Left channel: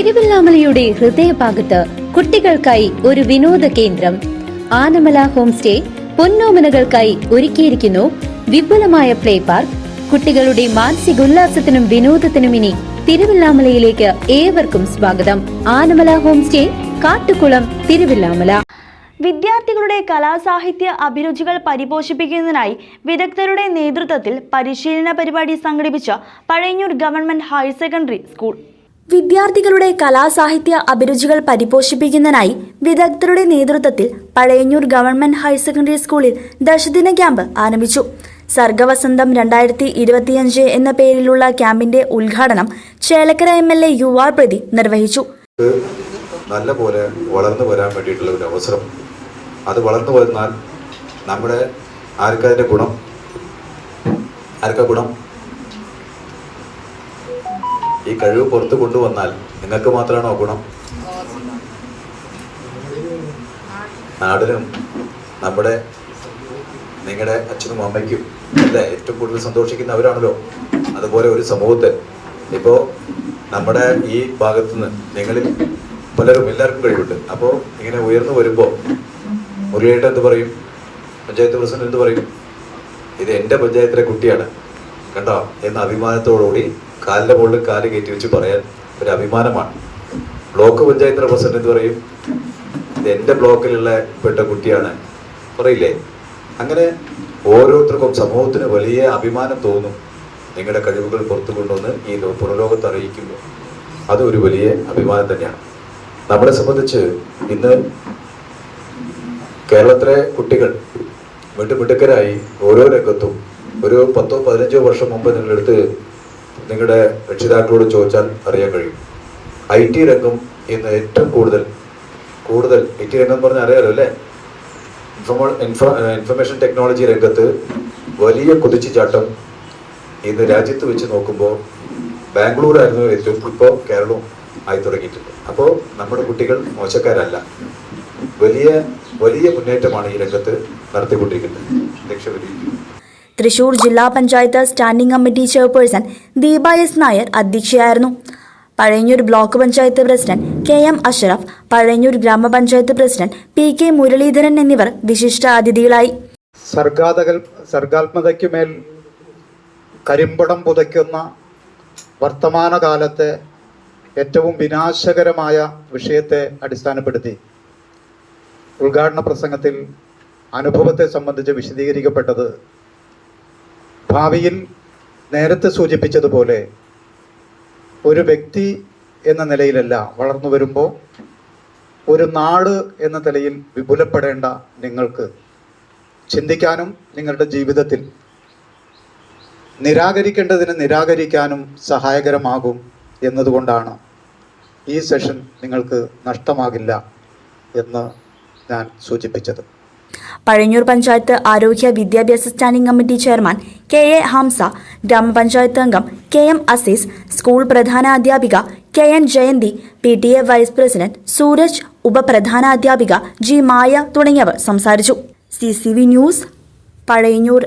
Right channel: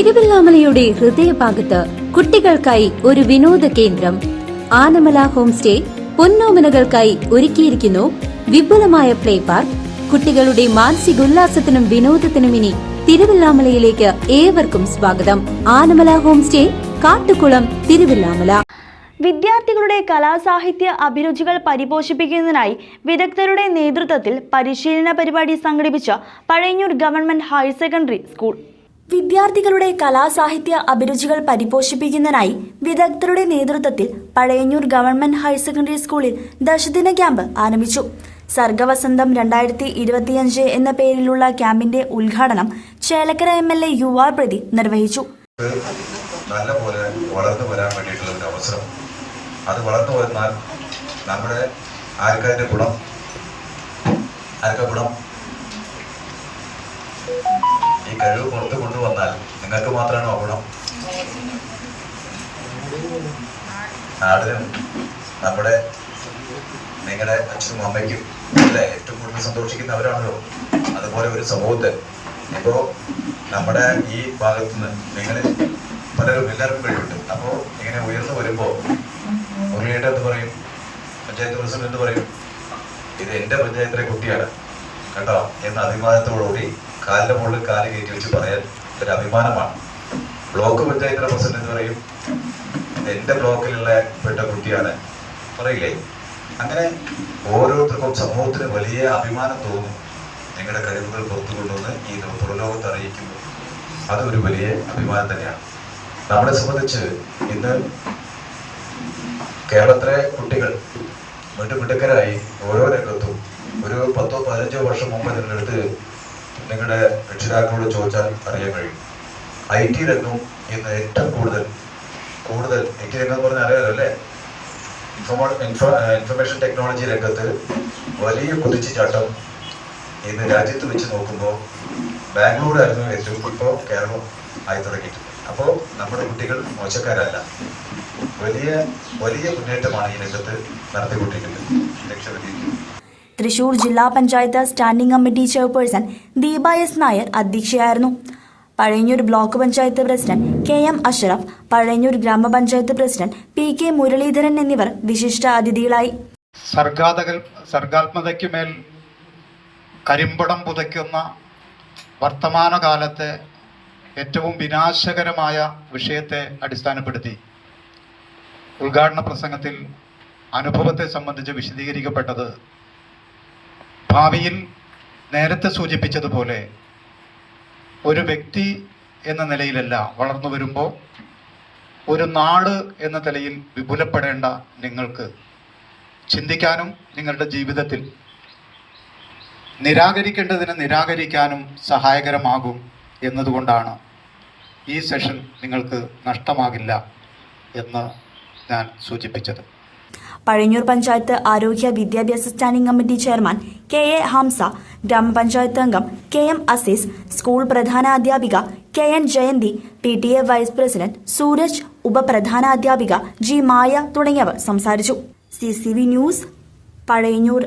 തിരുവല്ലാമലയുടെ ഹൃദയഭാഗത്ത് കുട്ടികൾക്കായി ഒരു വിനോദ കേന്ദ്രം ആനമല ഹോം സ്റ്റേ പൊന്നോമനകൾക്കായി ഒരുക്കിയിരിക്കുന്നു വിപുലമായ പ്ലേ പാർക്ക്. കുട്ടികളുടെ മാനസികോല്ലാസത്തിനും വിനോദത്തിനും ഇനി തിരുവല്ലാമലയിലേക്ക് ഏവർക്കും സ്വാഗതം. Anamala home stay, Kattukulam, Thiruvallamala. വിദ്യാർത്ഥികളുടെ കലാസാഹിത്യ അഭിരുചികൾ പരിപോഷിപ്പിക്കുന്നതിനായി വിദഗ്ധരുടെ നേതൃത്വത്തിൽ പരിശീലന പരിപാടി സംഘടിപ്പിച്ച Pazhayannur government higher secondary school. വിദ്യാർത്ഥികളുടെ കലാസാഹിത്യ അഭിരുചികൾ പരിപോഷിപ്പിക്കുന്നതിനായി വിദഗ്ധരുടെ നേതൃത്വത്തിൽ പഴയന്നൂർ ഗവൺമെന്റ് ഹയർ സെക്കൻഡറി സ്കൂളിൽ ദശദിന ക്യാമ്പ് ആരംഭിച്ചു. സർഗവസന്തം 2025 എന്ന പേരിലുള്ള ക്യാമ്പിന്റെ ഉദ്ഘാടനം ചേലക്കര MLA UR പ്രദീപ് നിർവഹിച്ചു. നല്ലപോലെ വളർന്നു വരാൻ വേണ്ടിയിട്ടുള്ള ഒരു അവസരം. അത് വളർന്നു വന്നാൽ നമ്മുടെ ആർക്കാ ഗുണം? ഈ കഴിവ് പുറത്ത് കൊണ്ടുവന്നാൽ നിങ്ങൾക്ക് മാത്രമാണോ ഗുണം? നാടിനും നമ്മുടെ നിങ്ങളുടെ അച്ഛനും അമ്മയ്ക്കും അല്ലേ ഏറ്റവും കൂടുതൽ സന്തോഷിക്കുന്നവരാണല്ലോ. അതുപോലെ ഒരു സമൂഹത്തിൽ ഇപ്പോൾ നമ്മുടെ ഈ ഭാഗത്തുനിന്ന് നിങ്ങളിൽ എല്ലാവർക്കും കഴിവുണ്ട്. അപ്പോൾ ഇങ്ങനെ ഉയർന്നു വരുമ്പോൾ മുരളിയേട്ടൻ എന്ത് പറയും? പഞ്ചായത്ത് പ്രസിഡന്റ് എന്ത് പറയും? ഇത് എൻ്റെ പഞ്ചായത്തിലെ കുട്ടിയാണ് കണ്ടോ എന്ന അഭിമാനത്തോടുകൂടി കാലിൻ്റെ മുകളിൽ കാല് കയറ്റി വെച്ച് പറയാൻ ഒരു അഭിമാനമാണ്. ബ്ലോക്ക് പഞ്ചായത്തിലെ പ്രസിഡന്റ് എന്ത് പറയും? ഇത് എൻ്റെ ബ്ലോക്കിലുള്ള പെട്ട കുട്ടിയാണ് പറയില്ലേ? അങ്ങനെ ഓരോരുത്തർക്കും സമൂഹത്തിന് വലിയ അഭിമാനം തോന്നും. നിങ്ങളുടെ കഴിവുകൾ പുറത്തു കൊണ്ടുവന്ന് ഈ പുറലോകത്ത് അറിയിക്കുമ്പോൾ അതൊരു വലിയ അഭിമാനം തന്നെയാണ്. നമ്മളെ സംബന്ധിച്ച് ഇന്ന് കേരളത്തിലെ കുട്ടികൾ മിടുക്കരായി ഓരോ രംഗത്തും ഒരു 10-15 വർഷം മുമ്പ് നിങ്ങളെടുത്ത് നിങ്ങളുടെ രക്ഷിതാക്കളോട് ചോദിച്ചാൽ അറിയാൻ കഴിയും. IT രംഗം ഇന്ന് ഏറ്റവും കൂടുതൽ IT രംഗം എന്ന് പറഞ്ഞാൽ അറിയാലോ അല്ലേ? ഇൻഫർമേഷൻ ടെക്നോളജി രംഗത്ത് വലിയ കുതിച്ചുചാട്ടം ഇന്ന് രാജ്യത്ത് വെച്ച് നോക്കുമ്പോൾ ബാംഗ്ലൂരായിരുന്നു ഏറ്റവും, ഇപ്പോൾ കേരളം ആയി തുടങ്ങിയിട്ടുണ്ട്. അപ്പോൾ നമ്മുടെ കുട്ടികൾ മോശക്കാരല്ല, വലിയ മുന്നേറ്റമാണ് ഈ രംഗത്ത് നടത്തിക്കൊണ്ടിരിക്കുന്നത്. തൃശൂർ ജില്ലാ panchayat standing committee chairperson Deepa S. Nair അധ്യക്ഷയായിരുന്നു. Pazhayannur block panchayat president KM Ashraf, Pazhayannur ഗ്രാമപഞ്ചായത്ത് പ്രസിഡന്റ് PK മുരളീധരൻ എന്നിവർ വിശിഷ്ട അതിഥികളായി. സർഗാത്മകതയ്ക്കുമേൽ കരിമ്പടം പുതയ്ക്കുന്ന വർത്തമാനകാലത്തെ ഏറ്റവും വിനാശകരമായ വിഷയത്തെ അടിസ്ഥാനപ്പെടുത്തി ഉദ്ഘാടന പ്രസംഗത്തിൽ അനുഭവത്തെ സംബന്ധിച്ച് വിശദീകരിക്കപ്പെട്ടത് ഭാവിയിൽ നേരത്തെ സൂചിപ്പിച്ചതുപോലെ ഒരു വ്യക്തി എന്ന നിലയിലല്ല വളർന്നു വരുമ്പോൾ ഒരു നാട് എന്ന നിലയിൽ വിപുലപ്പെടേണ്ട നിങ്ങൾക്ക് ചിന്തിക്കാനും നിങ്ങളുടെ ജീവിതത്തിൽ നിരാകരിക്കേണ്ടതിന് നിരാകരിക്കാനും സഹായകരമാകും എന്നതുകൊണ്ടാണ് ഈ സെഷൻ നിങ്ങൾക്ക് നഷ്ടമാകില്ല എന്ന് ഞാൻ സൂചിപ്പിച്ചത്. പഴയന്നൂർ പഞ്ചായത്ത് ആരോഗ്യ വിദ്യാഭ്യാസ standing committee chairman KA Hamza, ഗ്രാമപഞ്ചായത്ത് അംഗം KM അസീസ്, സ്കൂൾ പ്രധാനാധ്യാപിക KN Jayanthi, PTA vice president Sooraj, ഉപപ്രധാനാധ്യാപിക G. മായ തുടങ്ങിയവർ സംസാരിച്ചു. CCV news, Pazhayannur.